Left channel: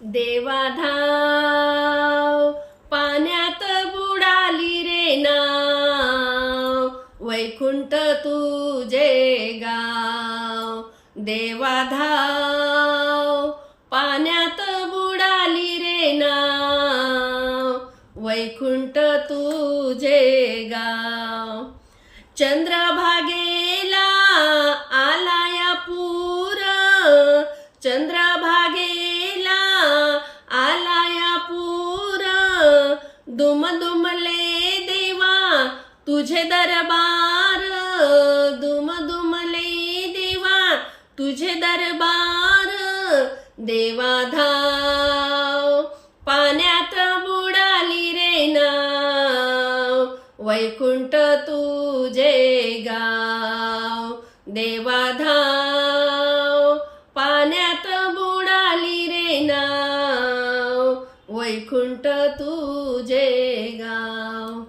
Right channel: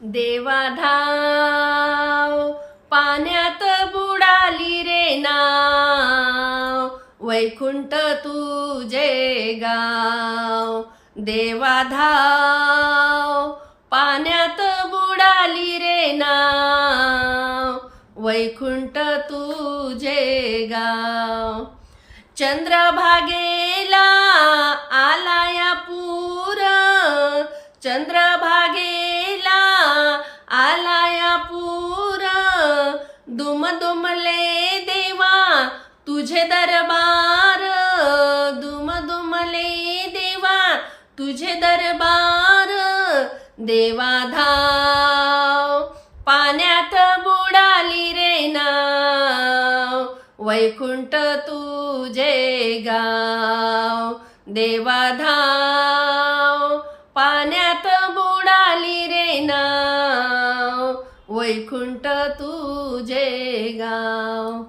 देवाधाव पाण्यात बुडाली रे नाव, वैकुंठ तुझे गाव. देवाधाव पाण्यात बुडाली रे नाव, वैकुंठ तुझे गाव. चंद्रभागेला आलाया पूर, चंद्रभागेला आलाया पूर. दुमदुमले देवा तुझे दरबार, दुमदुमले देवा तुझे दरबार. देवाधाव पाण्यात बुडाली रे नाव, वैकुंठ तुझे गाव. देवाधाव पाण्यात बुडाली रे नाव, वैकुंठ तुझे गाव.